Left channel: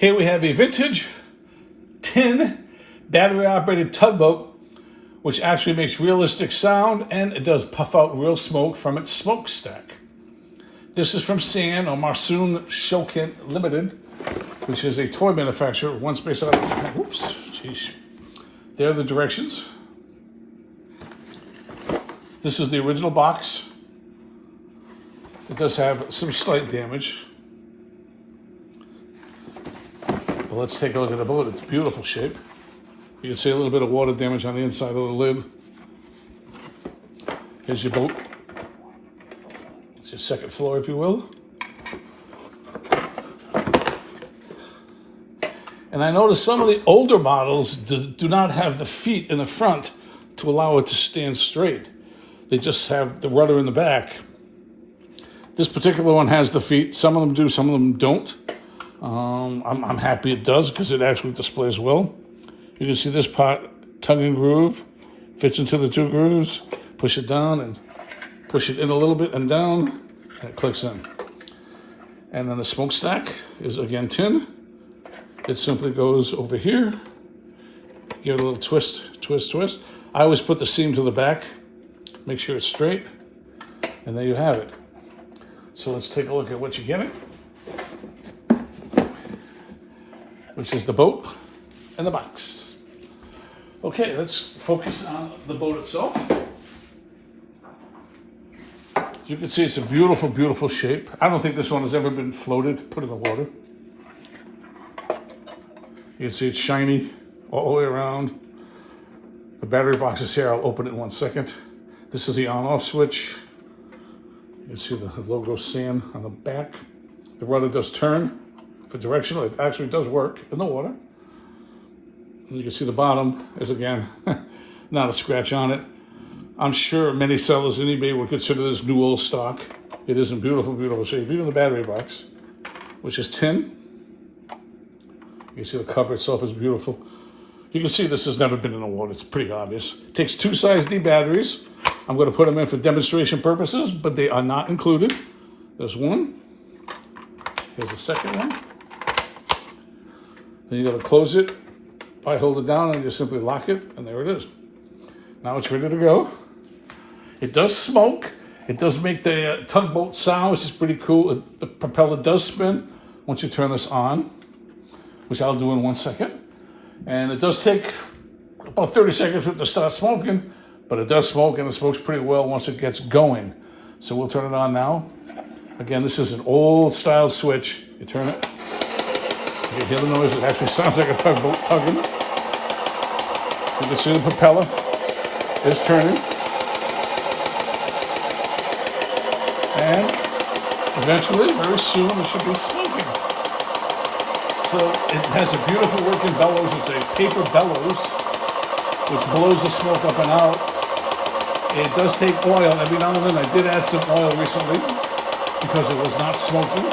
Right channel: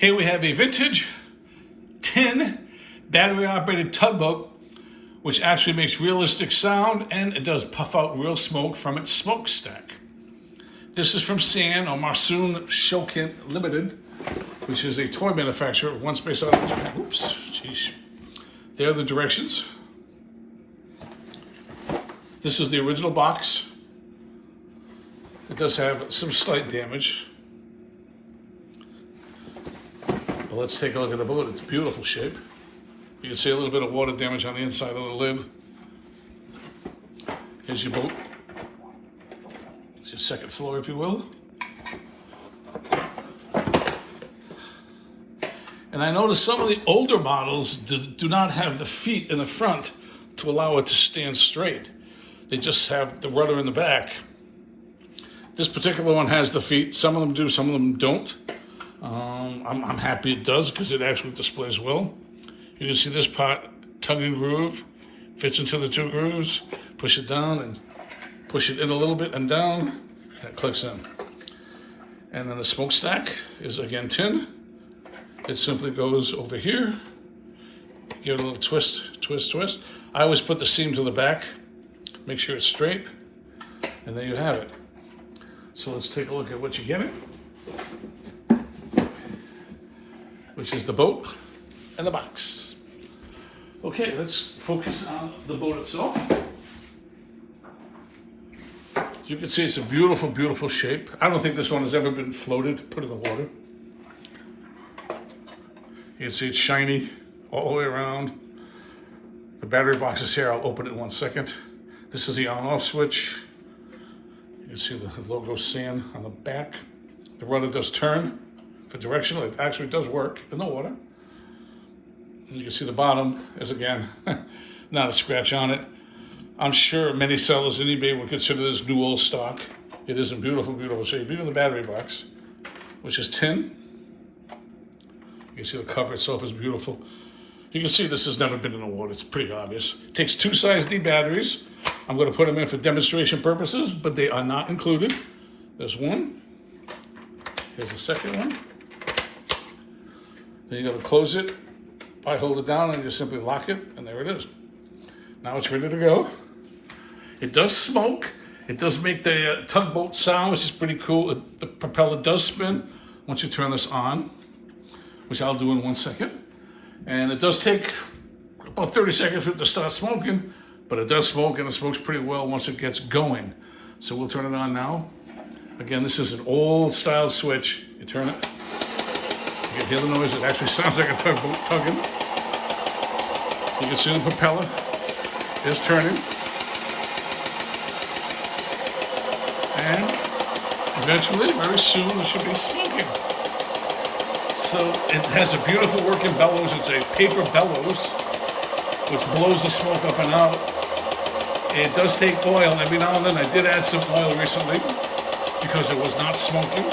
Here we have a vintage tin battery-operated tugboat, which actually makes realistic sound, and it does puff out real smoke from its smokestack. This is from SAN, or Marusan Shoten Ltd, which is a toy manufacturer, once based out of Japan. Whoops, jeez. There are the directions. This is the original box. It does have some slight damage. But let's take a look at the boat. It's beautiful shape. You can see a little bit of water damage on the inside of the lid. Here's your boat. It's your second floor, if you will. And I noticed some of the older models do not have the feet in the front to allow it to stand straight. They just have the rudder in the back. This particular one has the feet. Some of them do, some of them don't. I'm happy it does, because it actually displays well. You can see this part, tugging groove, fits into the two grooves. Push it down and push it in a little bit and down, and it clicks in. And then the smokestack is again tin. It simply goes over here. Give it a little twist, twist, twist. I always put the seam to the back, make sure it's straight, and there you have it. So let's take a look at what you get it, which is the boat and the box. Okay, let's focus on the boat itself. You can see it's a beautiful, beautiful shape. I don't think this one has ever been floated, put in the water. You can see it's shiny all the way around. The battery box is here. I'll open it in 1 second. This is the on-off switch. You can see the logo SAN on the back. The rudder does turn for directional. It actually does work in the water. And you can see the bottom is, again, not a scratch on it. I'm sure many sellers in eBay would consider this new old stock. It is in beautiful, beautiful shape. Even the battery box, which is tin. You can see the cover itself is beautiful. You can see this has never been in the water. It's pretty obvious. It takes 2 size D batteries. I'm going to put them in for demonstration purposes, but they are not included. There's one. Here's the second one. Then you got to close it. I hold it down and you simply lock it, and there it is. Now it's ready to go. It does smoke. It does make the tugboat sound, which is pretty cool. The propeller does spin once you turn this on, which I'll do in 1 second. And it does take about 30 seconds for it to start smoking, but it does smoke, and it smokes pretty well once it gets going. So we'll turn it on now. Again, this is an old style switch. You turn it, you hear the noise. It actually sounds like a tugboat tugging. You can see the propeller is turning. And eventually, very soon, it should be smoking. So it has a beautiful working bellows. It's a paper bellows, which blows the smoke up and out. It does take oil. Every now and then I did add some oil recently because it was not smoking.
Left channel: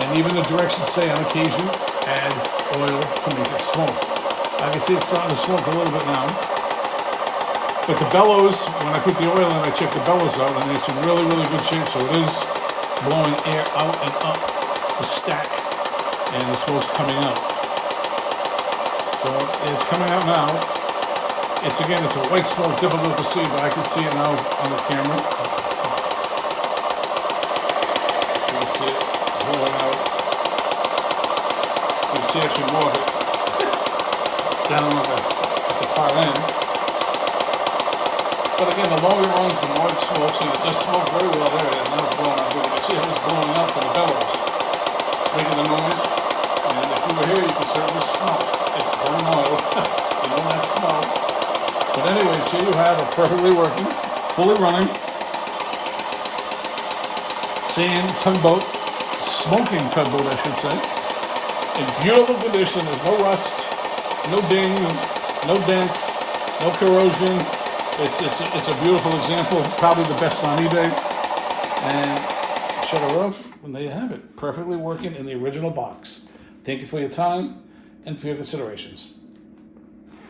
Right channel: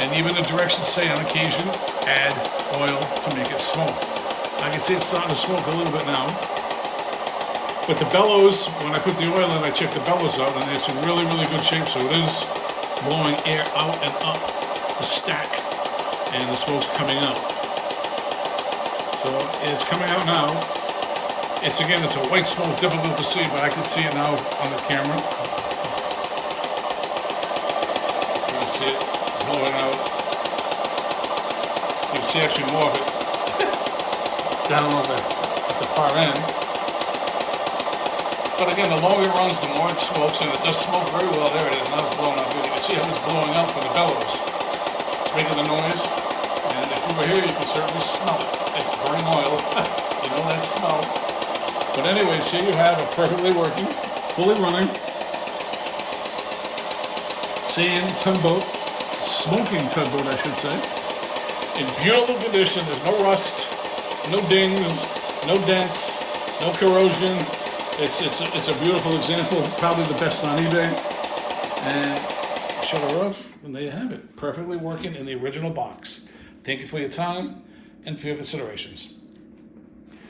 And even the directions say on occasion, add oil to make it smoke. I can see it's starting to smoke a little bit now. But the bellows, when I put the oil in, I checked the bellows out, and it's in really, really good shape. So it is blowing air out and up the stack, and the smoke's coming out. So it's coming out now. It's a white smoke, difficult to see, but I can see it now on the camera. You can see it blowing out. You can see actually more of it down over at the far end. But again, the longer it runs, the more it smokes, and it does smoke very well. There it is. Now it's blowing out good. You can see how it's blowing out from the bellows. It's making the noise. And if you were here, you can certainly smell it. It's burning oil. You know that smell. But anyways, here you have a perfectly working, fully running SAN tugboat, smoking tugboat, I should say. In beautiful condition. There's no rust, no dings, no dents, no corrosion. It's a beautiful example, probably the best on eBay. And shut it off, and there you have it. Perfectly working in the original box. Thank you for your time and for your considerations.